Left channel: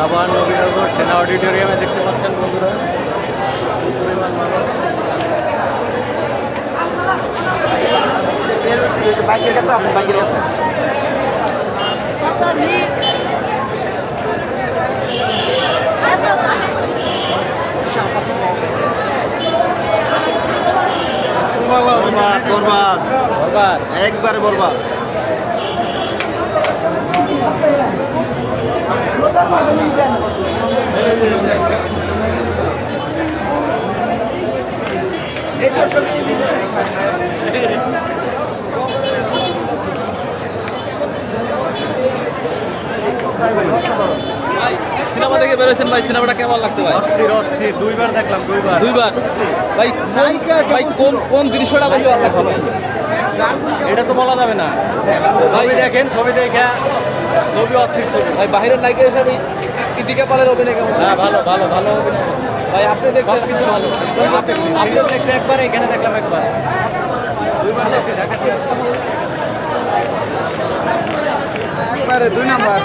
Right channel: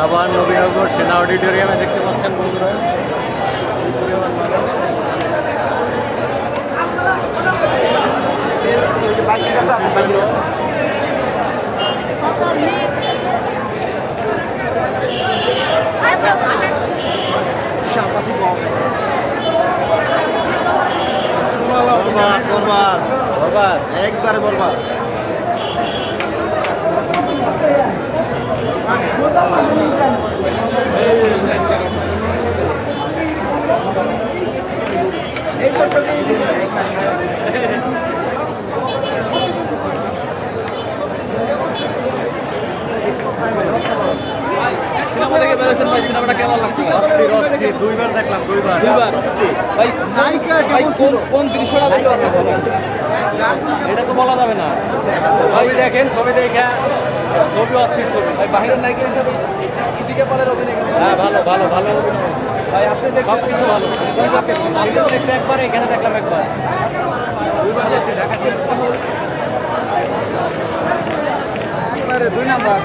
সাভার নবীনগর সেনা অডিটোরিয়ামে দেখতে পাচ্ছেন বন্ধুরা। পরিমাণ মানুষ। শেষ হলো বরবাদ একবারে সিনেমা দেখে ভাই সিনেমাটা কেমন লাগছে ভাই? অস্থির অস্থির দুইবার দেখলাম দুইবার। দুইবার? ভাই নায়িকা ভাই কোন কোন দৃশ্যটা ভালো লাগছে? এটা তো বলা যাবে না। ছবি দেখেন ছবি দেখে। ছবি অস্থির ছবি। ভাই বাহিরের নায়িকা হিসেবে ইদিকে পালের অভিনয় হ্যাঁ ভালো ভালো ভালো অভিনয় হয়েছে। সব কিছু দেখছি সিলেটে দেখছি দেখলাম একবার। দুইবার দেখছি ঢাকা সিলেট দুই নম্বর।